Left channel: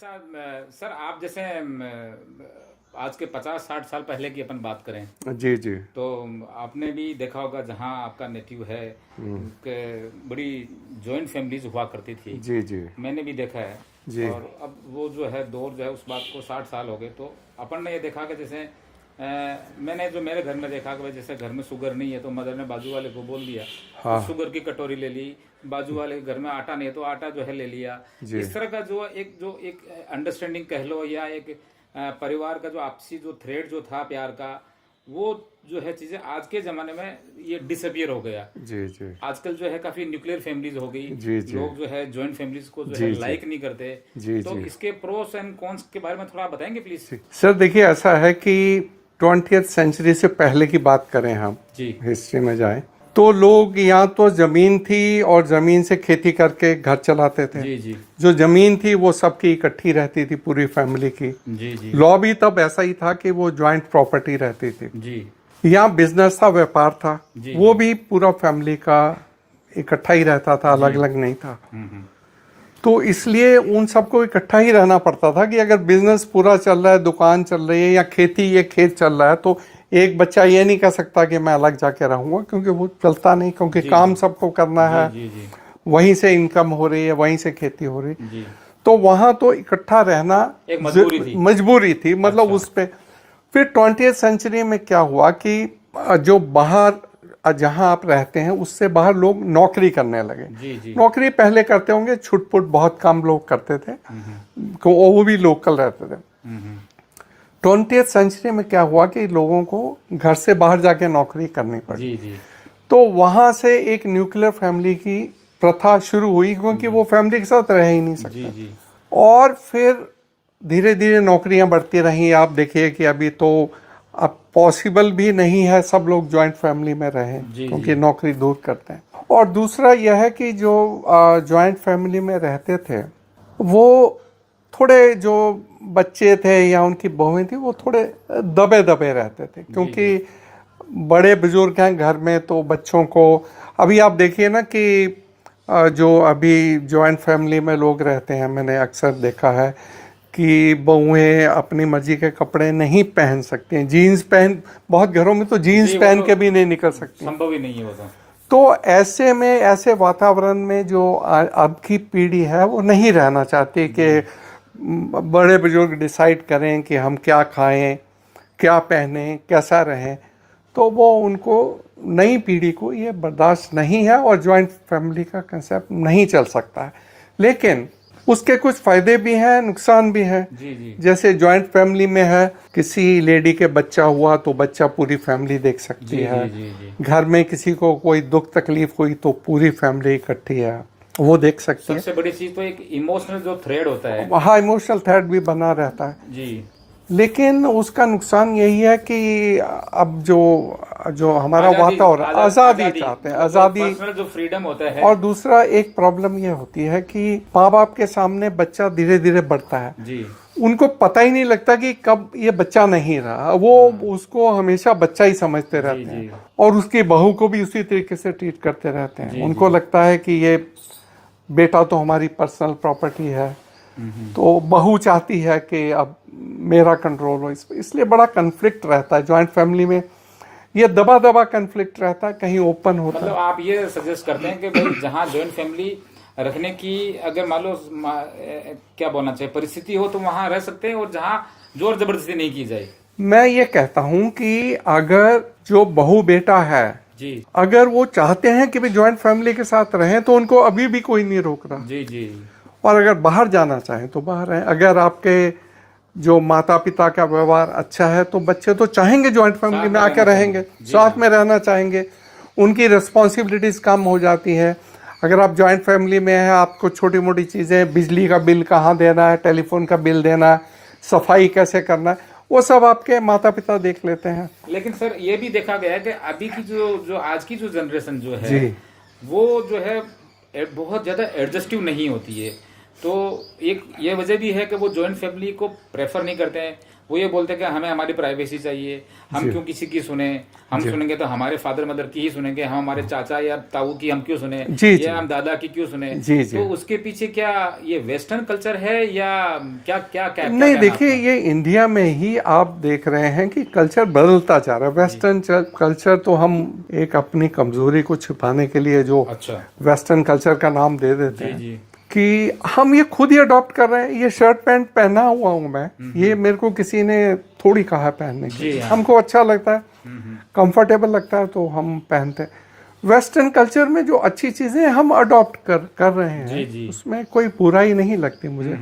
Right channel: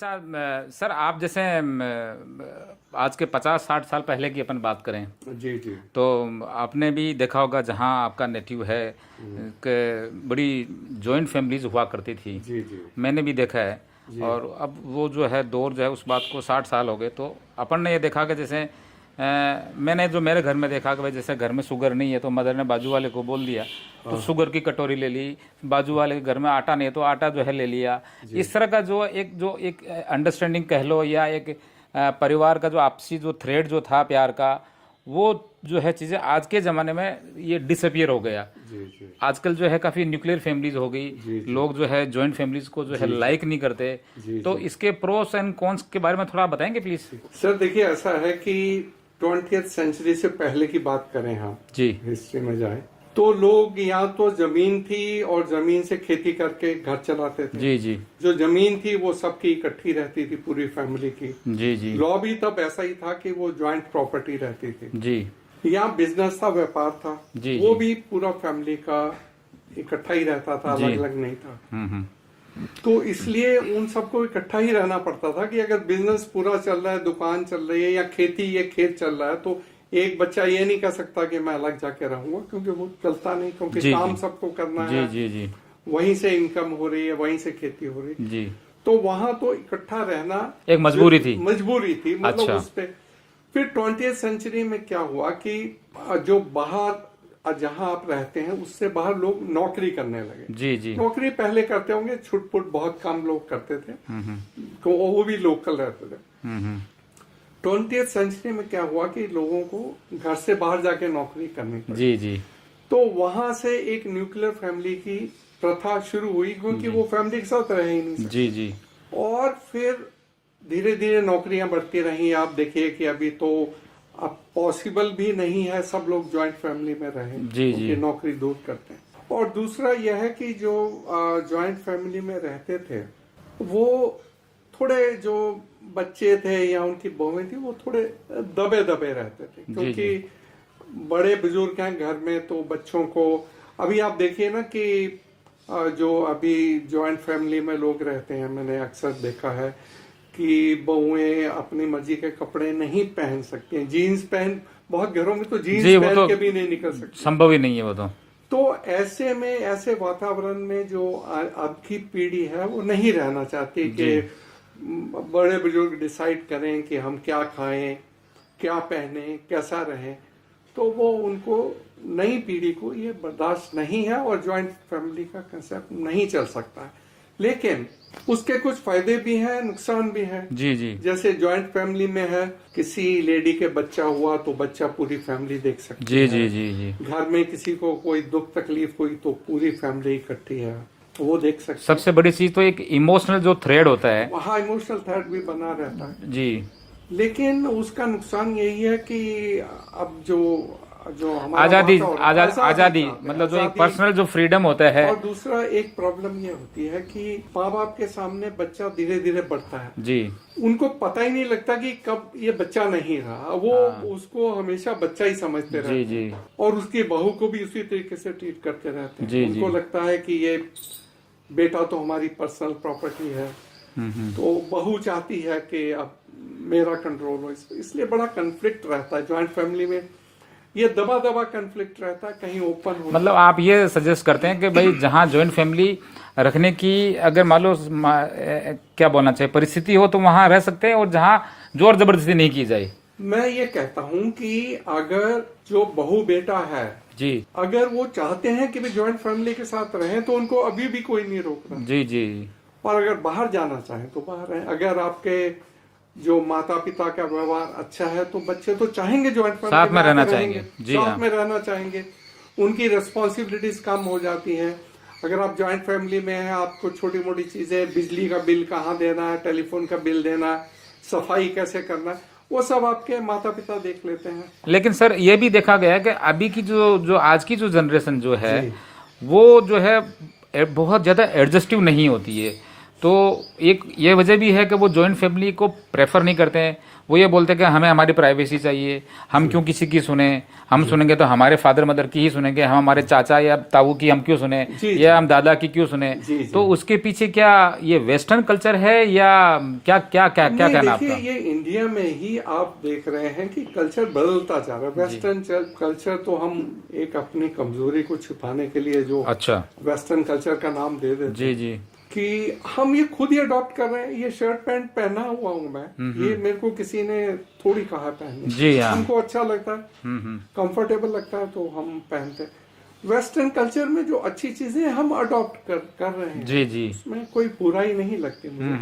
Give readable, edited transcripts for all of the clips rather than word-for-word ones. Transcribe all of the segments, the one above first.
अच्छा सर आप जैसे आज के 50-60 साल पहले की अपन बात करें जी जी। तो आपने भी देखा होगा जहाँ आपका नेटिव है कि बड़ी जॉइंट फैमिलीज हुआ करती थी। जी जी। मैंने भी देखा है। जी और अब वो जो है दौर जो है उस बात को 60 साल हो गए तो अपन ने ये देखा कि जैसे मैंने जो मेरे घर में देखा कि भाई जैसे घर में शुगर नहीं है तो मदर ने बाजू वाले को बोल दिया तो हाँ। शुगर की कटोरी ले ली। बाजू वाले के घर में आटा नहीं है तो आटा जो है ले लिया। जी इस तरह का जो एक अंडरस्टैंडिंग कह लो या एक परिवार का जो आपसी जो थ्रेड जो था प्यार का वो जो है चीज़ें आज के ज़माने में ये डिसअपियर हो गया। जी जी। आजकल जो है काफ़ी न्यूक्लियर फैमिलीज हो गई। जी जी। लोग जो है जॉइंट फैमिलीज को जो है जी जी। लाइक नहीं करते। जी तो जी। इसके प्रोस एंड कॉन्स के बारे में थोड़ा बताएंगे प्लीज। सर देखिए, ऐसा है कि 20th सेंचुरी से पहले की बात करें, हम जी हिस्ट्री में जाएं तो लोग यहाँ तो जमीन थी और जमीन से खेती करके घर चलाते थे। जी जी जो जमीन थी वो सबकी इकट्ठी रहती थी, पूरी फैमिली की। जी जी लॉ भी तब ऐसा ही था कि वो ज्वाइंट प्रॉपर्टी रहती थी। जी यहाँ बिजनेस था, व्यापार था, जी वो जी। भी पूरा फैमिली का इकट्ठा ही रहता था, जी। अलग अलग नहीं था। हम्म। तो इसलिए उन सबको इकट्ठा ही रहना पड़ता था कि अगर बिजनेस पूरा चल रहा है, दुकान चल रही है या खेती ये खेत चल रहा है, तो एक बच्चा ये नहीं कह सकता कि मैं अलग जाके रहूंगा, क्योंकि वो चलता नहीं, क्योंकि जी काम जी सबको करना जी है। जी जी वहीं से इनकम हो रही है, वहीं से खेती हो रही। जी। तो वहां तो इकट्ठा रहना एक मजबूरी थी। मजबूरी थी, मतलब अच्छा। उस पे। फिर 20th सेंचुरी में क्या हुआ कि जो बाहर जहां आप रहते हैं उससे बाहर लोग नौकरी करने लगे। जी जी। नौकरी पहले करते होंगे, छुटपुट बहुत कम लोग करते थे, वो भी लोकल रहते थे। हम्म। 20th सेंचुरी में क्या हुआ कि लोगों को घर से बाहर जाके नौकरी करनी पड़ी। जी जी तो वहां से एक न्यूक्लियर फैमिली की प्रथा शुरू हुई, क्योंकि वो फैमिली के साथ रह ही नहीं जी सकते। जी और फिर धीरे धीरे नौकरियां बढ़ती रहीं। आप देखिए कि अभी तो अब पॉसिबल भी नहीं है सब लोग जॉइंट फैमिली में रहें, जी क्योंकि जी नौकरी दूर करते हैं। और दूसरा यह है कि जो जॉइंट फैमिली में रहते थे वो थोड़े, जो बच्चे थे या उनकी बहुएं थी, वो थोड़े दबे दबे रहते थे, जी क्योंकि बड़े बुजुर्ग हैं घर में, तो बच्चों को अभी आप देखिए ना कि जो अभी जॉइंट फैमिली में लोग रहते हैं, मैंने अक्सर देखा है कि बहुएं अपनी मर्जी के कपड़े नहीं पहन सकती हैं। जीन्स पहन, बहुत घरों में तो जीन्स जी। वो पहन तो के भी नहीं निकल सकती। संभव ही नहीं है वो तो। तो ऐसे में, ऐसे वातावरण में जो अब की पीढ़ी है वो नहीं रहना चाहती कि बड़े बुजुर्ग डिसाइड करें कि हम क्या खाएं, क्या पहने, कैसा रहें। तो वो उनको, नई पीढ़ी को ये बर्दाश्त नहीं है, और जॉइंट फैमिली का कंसेप्ट नहीं चल सकता है। लेकिन उसके कुछ फायदे भी हैं, नुकसान भी हैं। जी जी जैसे जॉइंट फैमिली में है, किसी लेडी के बच्चा हुआ तो बच्चा पूरी फैमिली देख सकती जी है। जी जी जी। घर में किसी को कोई दुख तकलीफ हुई तो पूरी फैमिली इकट्ठी है, वो देख सकती है। सबसे बड़ी चीज तो एक इमोशनल जो थ्रेड होता है। वहाँ इमोशनल थ्रेड भी बना रहता है। जी लेकिन उसका नुकसान यही है कि अब जो जो हमारा आजादी वातावरण, आजादी चाहते हैं, मतलब आजादी। पर्सनल जो फ्रीडम होता है। और दूसरा एक प्रॉब्लम ये होती है कि माँ बाप के सामने बच्चा धीरे धीरे बढ़ता है, जी उनको पता ही नहीं लगता कि कब ये बच्चा नहीं रहा। वो उसको हमेशा बच्चा ही समझते रहते जी। हैं, और उसकी बहू को भी उसी तरीके से ट्रीट करते रहते हैं। जी उनको जी। लगता है कि ये बेटा तो हमारी पर्सनल प्रॉपर्टी है, तो बहू चाहती है कि अब मेरा कंट्रोल हो इस पे। इसलिए बड़ा कन्फ्लिक्ट रहता है जॉइंट फैमिली में, ये दबा दबा कन्फ्लिक्ट रहता है, कहीं ओपन होता मतलब आप ये सजेस्ट करते हैं कि भाई जहाँ जॉइंट फैमिली रखने की अगर मान लो क्या बोलना चाहिए परिस्थिति हो तो वहां रह सकते हैं, और जहाँ जोर जबरदस्ती नहीं की जाए। मैं ये कहता हूं कि अगर जो बहू बेटा है, जी अगर वो चाहते हैं कि वे जॉइंट फैमिली के साथ रहें, तो उनको अभी भी कोई नहीं रोक रहा। जी जी और अगर बाहर जाना चाहें तो बाहर रहें। अगर आपके जो माता पिता का व्यवहार अच्छा है तो बच्चे तो चाहेंगे जॉइंट फैमिली साथ में में रहना आकर रहेंगे, चाहेंगे। जी साथ हाँ। में रहना चाहेंगे। उनकी रिस्पॉन्सिबिलिटीज कम हो जाती है। अगर आप जॉइंट फैमिली में हैं, आपको छोटी मोटी चीज़ें, बिजली का बिल कहाँ देना है, टेलीफोन का बिल देना है, सफाई कैसे करना है, वो सब आपके माता पिता देख लेते हैं। लेकिन सर ये भी देखा गया है कि अभी की जो जो आज की जो जनरेशन जो है जी वो जो है बहुत ज़्यादा एडजस्टिव नहीं होती है। तो एक ये वजह भी है कि वो जॉइंट फैमिली को प्रेफर नहीं करते हैं। वो ये बोलते हैं कि हमें हमारी प्राइवेसी चाहिए, हम क्यों किसी की सुने, हम सुनेंगे तो हमारे फादर मदर की ही सुनेंगे, हम हमारे चाचा या ताऊ की हम क्यों सुने, या हम दादा की क्यों सुने। तो उसके पीछे क्या ये वेस्टर्न कल्चर है या क्या क्या क्या क्या नहीं, देखिए ये इंडिया में ही आप देख रहे हैं कि कल्चर बदलता जा रहा है। वेस्टर्न कल्चर तो हम एक अपनी कमजोरी को छिपाने के लिए जो अच्छा वेस्टर्न कल्चर का नाम दे देते जी हैं जी कि हम ये खुद ही अडॉप्ट कर रहे हैं। ये शर्ट पैंट पहना हुआ हूं मैं, ये मेरे को किसी ने थोड़ी कहा है पहनने जी के। हाँ। हमको अच्छा लगता है, कंफर्टेबल लगता है तो हम पहनते हैं। वेस्टर्न कल्चर में जो अच्छी चीजें हम अडॉप्ट कर रहे हैं, जी जी उसमें कोई बुराई नहीं लगती मुझे।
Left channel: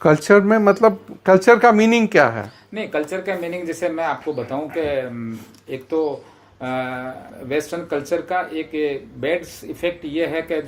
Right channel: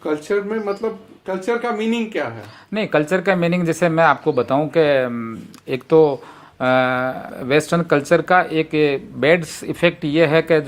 कल्चर में मतलब कल्चर का मीनिंग क्या है? नहीं, कल्चर का मीनिंग जैसे मैं आपको बताऊं कि एक तो वेस्टर्न कल्चर का एक बैड इफेक्ट ये है कि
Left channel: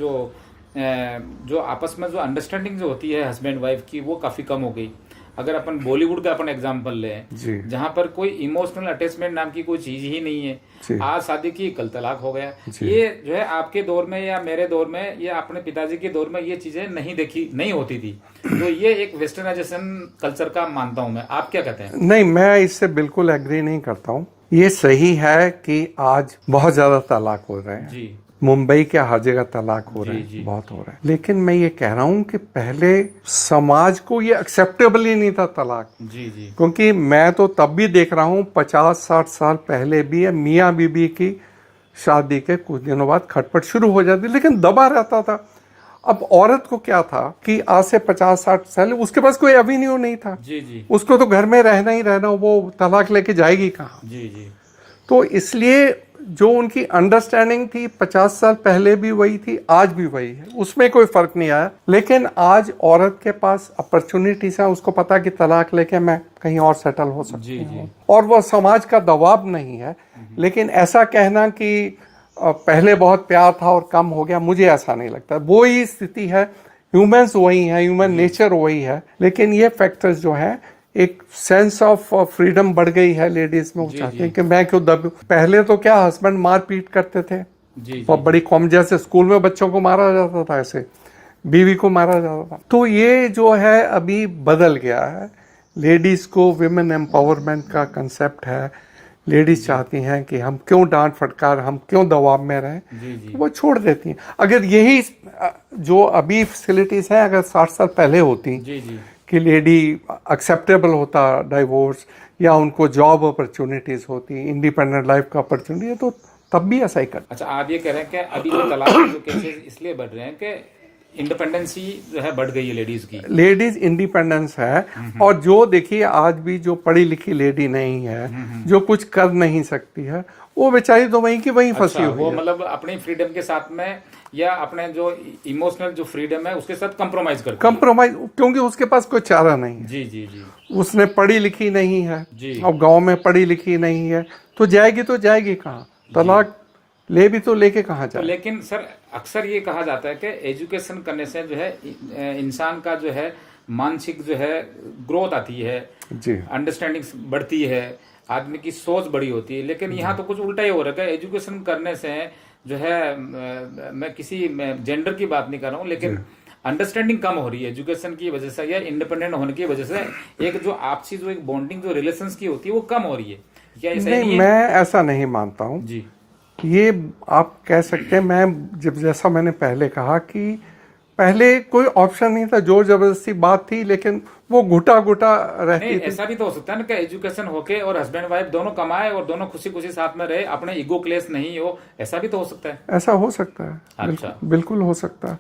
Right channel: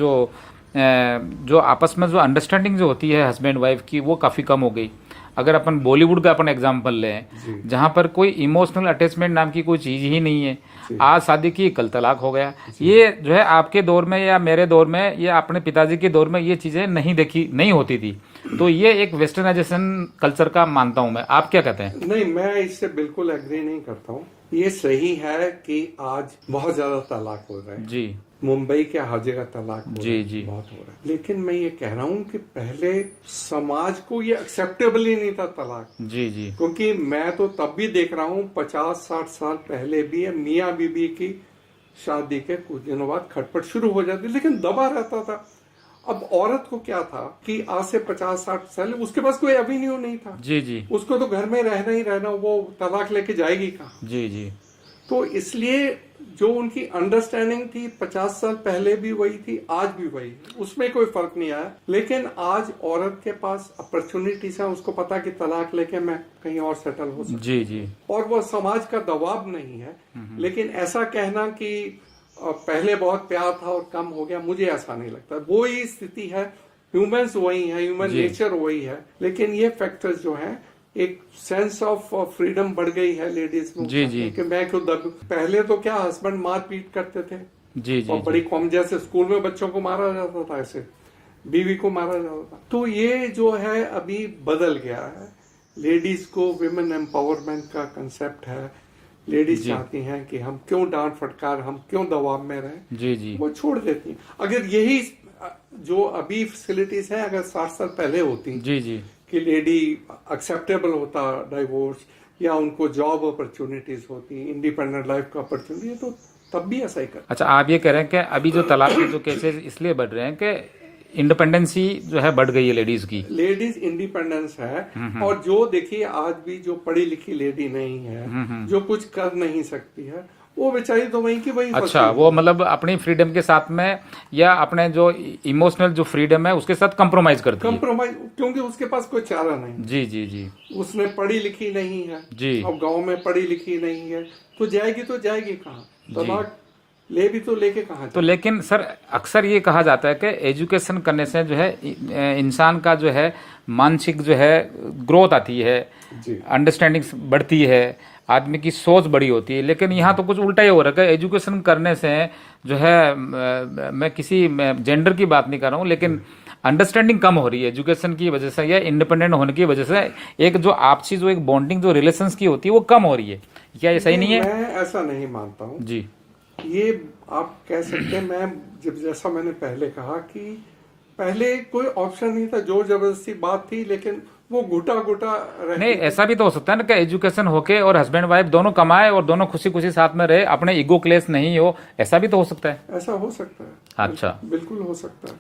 जो आपस में जो अंडरस्टैंडिंग जो होती है हस्बैंड वाइफ की, वो काफ़ी कम हो गई। अगर अपन बॉलीवुड का अपन एग्जांपल लें, जहां पर कोई इमोशनल अटैचमेंट नाम की कोई चीज ही नहीं है, आज शादी की कल तलाक हो गया। ये जो है आपके दौर में या मेरे दौर में या अपने पिताजी के दौर में ये चीजें नहीं होती थी। तो ये एक वेस्टर्नाइजेशन कल्चर का मानता हूं मैं। आप क्या कहते हैं? नहीं, मैं इससे बिल्कुल एग्री नहीं करता हूँ। ये सही है कि आज बहुत ज्यादा तलाक हो रहे हैं जी, मुंबई के हर जगह तलाक हो रहे हैं, बहुत हो रहा है। लेकिन मैं ये कह रहा हूँ कि पहले समाज को ये एक्सेप्टेबल ही नहीं था तलाक। जी जी क्योंकि मैं तो तब भी देख रहा हूँ 50-60 साल पहले भी मियाँ बीबी की शादी के कुछ दिनों बाद खटपट शुरू हो जाती, लेकिन दबा रहता था। अब औरत को क्या था कि आज से 50-60 साल उसके पास कोई एवेन्यू नहीं था। जी जी उसको तो घर में रहना ही रहना, वो तलाक लेके जाएगी कहाँ? जी जी तो इसलिए जो उनकी अंडरस्टैंडिंग थी 50 साल पहले भी वही थी, आज भी वही है, उसमें कोई फर्क नहीं आया। लेकिन आज औरत के पास अपॉर्चुनिटीज है, उसको पता कि तलाक लेके मैं कहीं और सेटल हो सकती जी जी हूँ, और वो समाज का दबाव नहीं है। लेकिन ऐसा कहना कि पहले बहुत प्यार था और कम हो गया, मुझे ऐसा नहीं लगता। वो ही स्थिति है, ह्यूमंस वही है, ह्यूमन नेचर वही है। लेकिन ये फैक्टर्स जो है, एक सेंस ऑफ फ्रीडम बढ़ गई है लेडीज में। चाहते हैं कि मैं क्यों दबूं। पहले तो क्या हस्बैंड मार पीट करते थे, जी और बड़ी कॉम, जैसे स्कूल में बच्चों को मारा जाता था, ऐसे बीवी को मारा जाता था। तो ये जो है अभी बदल गया है। लेडीज को विमेन एम्पावरमेंट का कंसेप्ट है। लेडीज चाहती हैं कि हम क्यों डांट फटकार, हम क्यों दबाव में रहें, जी जी वो छोड़ देती हैं। अगर यही जो अभी फैसिलिटीज हैं अगर 60 साल पहले होती जी जी कि लेडी एक्सेप्टेबल होता डाइवोर्स, या उनको जॉब अपॉर्चुनिटीज होती, इंडिपेंडेंट लाइफ का अपॉर्चुनिटी है, तो तब भी ऐसा ही करता। अच्छा, आप ये कह रहे हैं कि अभी जो तलाक के जो केसेस इसलिए बढ़ रहे हैं कि इंडिपेंडेंसी जो है बढ़ गई है लेडीज की। लेडीज इंडिपेंडेंस है, और जो देखिए आज भी जो पढ़ी लिखी लेडी नहीं है, जो कुछ कर नहीं सकती है, वो बेचारी तो वहीं की वहीं फंसी अच्छा, वो मतलब अपनी फ्रीडम के साथ में या अपने जो इमोशनल जो फ्रीडम है उसके साथ कंप्रोमाइज करती है। कंप्रोमाइज, क्योंकि उसके पास कोई चारा नहीं। जी जी जी उसने पढ़ी लिखी नहीं है जी और गांव में पढ़ी लिखी नहीं है, तो जाएगी कहाँ? तलाक ले भी तो लेके कहाँ तो जाए? लेकिन सर अक्सर ये कहा जाता है कि एजुकेशन करने से जो है इंसान का जो है मानसिक जो है ग्रोथ आती है, जी, अंडरस्टैंडिंग बढ़ती है, आदमी की सोच बड़ी होती है। लेकिन यहाँ तो कुछ उल्टा ही हो रहा है। एजुकेशन करने से जो है मैं किसी जेंडर की बात नहीं कर रहा हूँ, लेकिन अंडरस्टैंडिंग कम हो रही है एजुकेशन की वजह से या इंडिपेंडेंट होने की वजह से। एक जो आपसी जो एक बॉन्डिंग जो रिलेशंस की होती है वो कम हो रही है। क्या ये सही नहीं है? मैं ऐसा नहीं मानता हूँ जी, ये आप कह सकते हैं। मैं जैसा मैंने पहले कहा कि पहले कोई ऑप्शन नहीं था, जोर जबरदस्ती बात थी, लेकिन वो घुटा रहती नहीं, ऐसा भी तो हो सकता है ना कि एजुकेशन होके और हस्बैंड वाइफ दोनों कमाए और दोनों खुशी खुशी साथ में रहे, अपने ईगो क्लेश नहीं हो, ऐसा भी तो हो सकता है। ऐसा हो सकता है। अच्छा, बिल्कुल हो सकता है।